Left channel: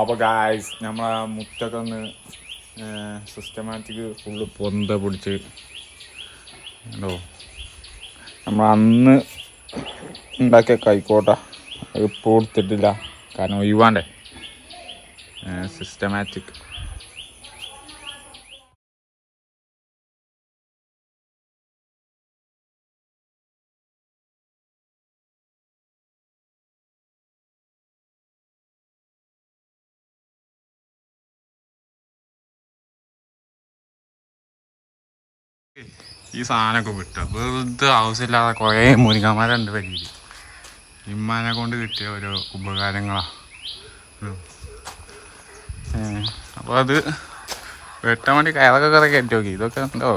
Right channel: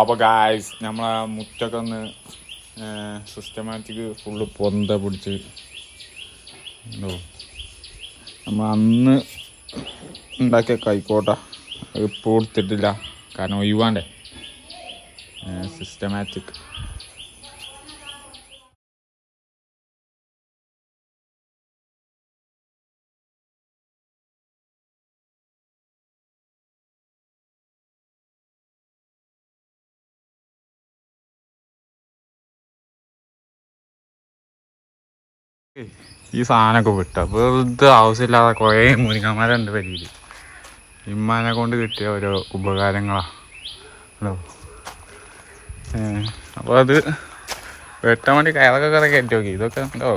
അപ്പോൾ ഗായ്സ് നമ്മളെ മുറ്റൊക്കെ ഒന്ന് സിസ്റ്റമാറ്റിക് ഫുള്ള് പൊന്ത പിടിച്ച് ഉണ്ടോ നമ്മൾ അന്ന് ഉണ്ടാക്കിയ കൈക്കോട്ട ഇപ്പോൾ കൊടുത്തിട്ടില്ല. കാരണം ഒഴിവാണ്ടേ. സിസ്റ്റമാറ്റിക് ഈ സാധനമൊക്കെ വിട്ട. വെറുതെ ആവശ്യമില്ലാതെ കുറേ മുരിങ്ങന്മാരുണ്ട് വരിയിൽ ഇമ്മാനെ കൊണ്ട് കിട്ടിയ ഓരോ ഉപകാരങ്ങളാണ് ഹലോ. അപ്പോൾ അത് വെട്ടാൻ വേണ്ടി കയറൊക്കെ കുറെ കയറ്റി നോക്കി. ഇതൊക്കെ ഉണ്ടോ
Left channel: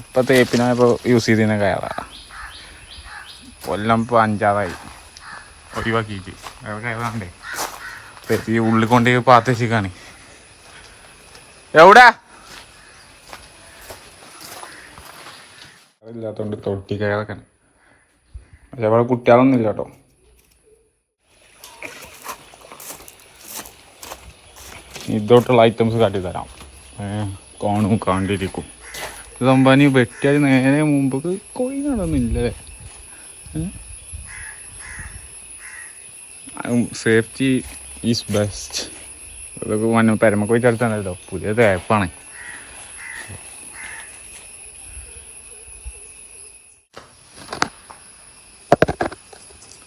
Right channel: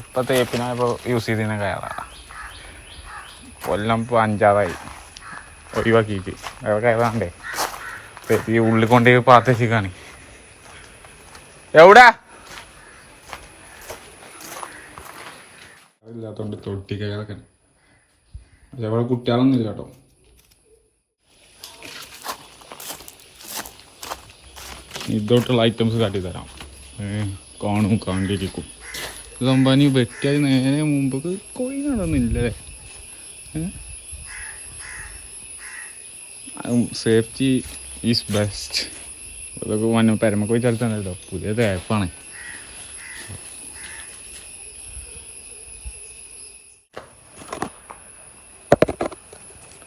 ഇപ്പം തേപ്പിനായപ്പോൾ യൂസ് ചെയ്തിരുന്ന കയറാ. കൊല്ലം ഇപ്പോൾ അഞ്ചാറായി. ഒഴിവാക്കിയിട്ട്. വേറെ കയറാണ്ടേ ഈ ഉള്ളിൽ കൊണ്ടുപോയി പാത്തേക്കാണ് എവിടാ? ഇല്ലാത്തോണ്ട് തൊട്ടി കയറൊക്കെ പക്ഷെ അവിടെ കുട്ടികളൊന്നും ഇല്ല കേട്ടോ. ഇതോട്ടുള്ള ഐറ്റംസ് കാട്ടി തരാം ഏ കാണും കണ്ടിരിക്കും. സംഭാനി വെട്ടിയാൽ നേരെ മുമ്പ് കൊയ് നടന്നില്ലേ? സേഫ്റ്റി ഈസ് ബെസ്റ്റ് അതൊക്കെ വന്നു പെരമക്ക് പുതിയ തേപ്പാണ്.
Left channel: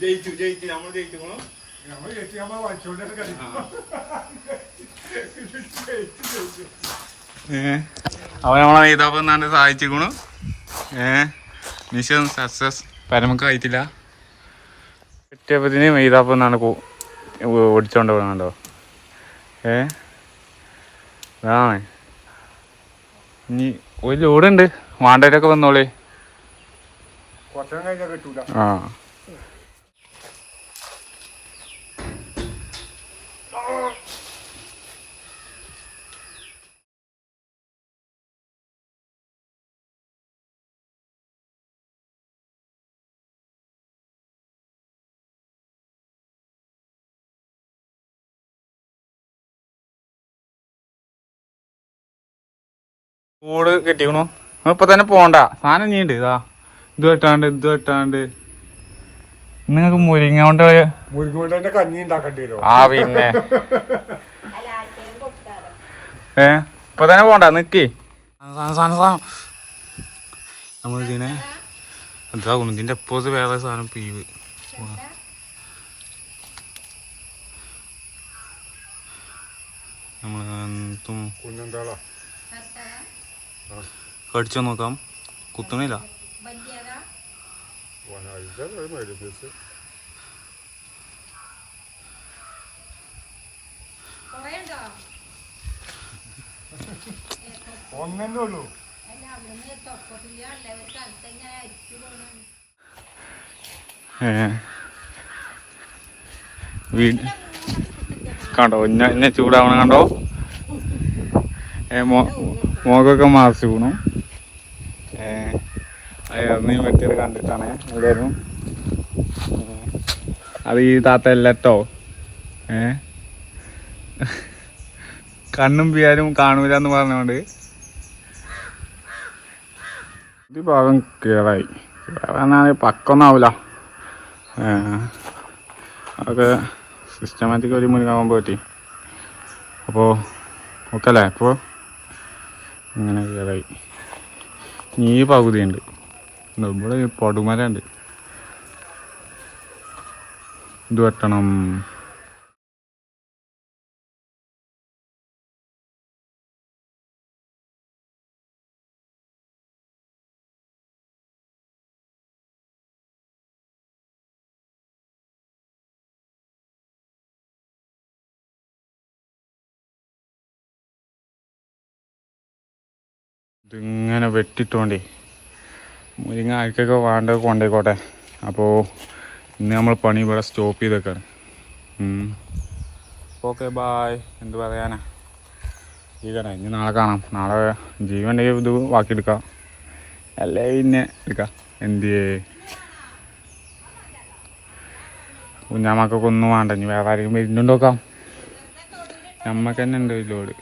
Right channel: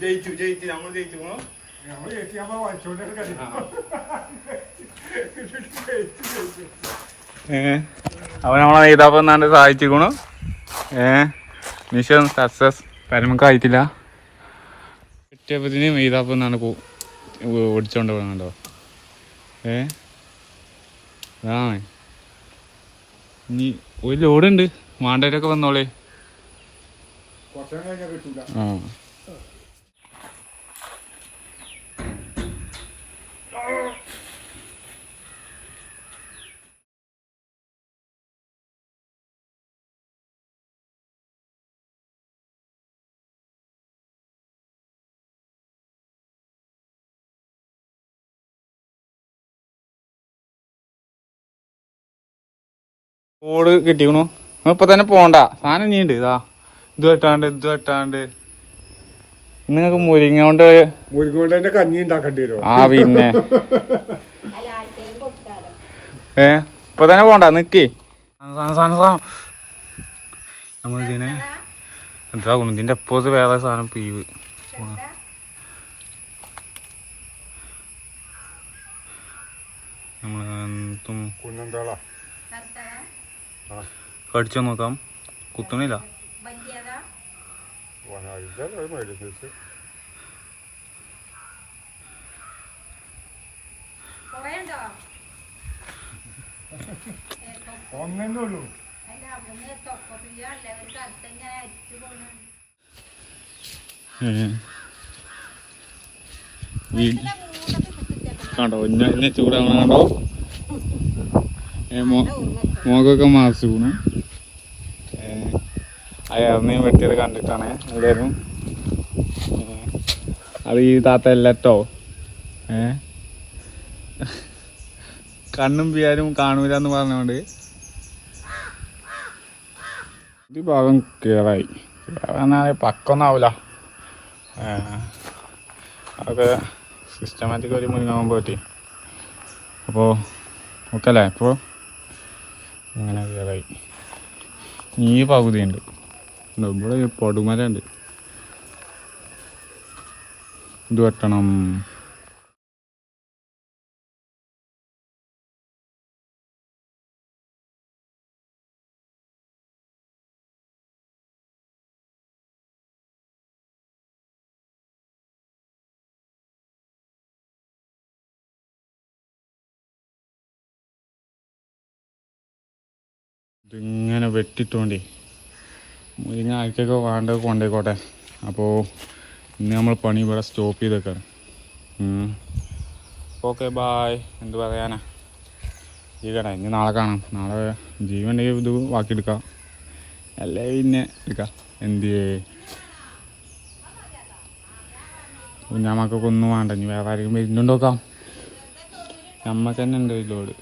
ജയിച്ചു ജയിച്ചു. നമ്മൾ ജയിച്ചു പോണം? നമ്മൾ ജയിച്ചു നമ്മൾ വായിച്ചോണ്ടേ കളിക്കും അവൻ നമ്മളെ നെയ്താപ്പം എന്നാണ്ട് സഹായിച്ചിക്കണു. ഏ? Mission success. പരമക്കായിട്ടില്ല കിട്ടിയപ്പത്തിന് മെയ്താപ്പം എന്നാണ് ഓടിച്ചോണ്ട് പോകണോ ഏ? ആ ഇനി ഒരു ലോഡുണ്ട്. വാണ്ടവരൊക്കെ വന്നോളേ. ആ. ഓട് കിട്ടിക്കണു. ഇപ്പൊ തന്നെ പോണ്ട. സാധനം നീണ്ട് ഇതാ. ഇത് വെട്ടാണ്ട് ഇത് വെട്ടാണ്ട് നിങ്ങൾക്ക് മുരിങ്ങ കൊണ്ട് മുരുകൊണ്ട് തന്നെ കഞ്ഞി ഉണ്ടാക്കേണ്ടി വരും ആ പിന്നെ. ഏ? ഇപ്പൊ തന്നെ പോണ്ട നിക്ക്. നമ്മൾ ഇതിനെ എന്താ ഇതിന്റെ അപ്പോസ് വേറെ സാധനം പീവ്. നമ്മൾ കടിച്ചു നോക്കാം. കുത്തണില്ല. ഇതല്ലേ മേടിയ സൈസ് ഒന്നേ ഉള്ളൂ ഏ. വീ- കണ്ടോ? ഇന്നെ ചൂടാവണ കണ്ടോ? ഏ മോ മോകൊക്കെ മാറിച്ചു ഏ അയർന്നീ വെട്ടിയത് കണ്ടിട്ടാണ്. എല്ലാവരും. അത് ഈ താത്ത ഏ? കണ്ണും പിയാരും കാണൂല എന്ന് പറഞ്ഞോണ്ട്. ഇത് ഭാഗം കേറായി. കേറാനാണ് പക്കൊന്നാവൂല. ഏ. അതൊക്കെ സിസ്റ്റമാറ്റിക് ഒരു മുൻകാവാൻ പറ്റി. അപ്പോ ഓക്കെ അല്ലേ ഇപ്പോൾ അങ്ങനെ കേറായി. ഈ പകുതി ഉണ്ട് ഇവിടെ പടുമരണ്ട്. ഇത് വെട്ടണം. ഇതിങ്ങനെ വെട്ടിട്ടോണ്ടേ മുരിങ്ങ ആർക്കൊക്കെ വേണ്ടത് കൊണ്ടേക്കോട്ടെ. അപ്പോൾ ഇന്ന് നമ്മൾ പണി ഇവിടെ സ്റ്റോപ്പ് ചെയ്തേക്കാണ്. ഓക്കെ ബായ് എന്ത് പറയാനാ? ജീവനാ ഇനി നാളെ കാണാം. നാളെ ജീവന്റെ ഇത് വാക്കിയെടുക്കാം അല്ലേ പിന്നെ എടുക്കാം. എന്ത് കുഞ്ഞാമ്മക്കൊക്കെ ഒന്നും വേണ്ട. ഇനി വേറെ ആരെങ്കിലും വരുന്നുണ്ടോക്കാം? നമ്മക്ക് തന്നെ ഉണ്ട് ലോഡ്.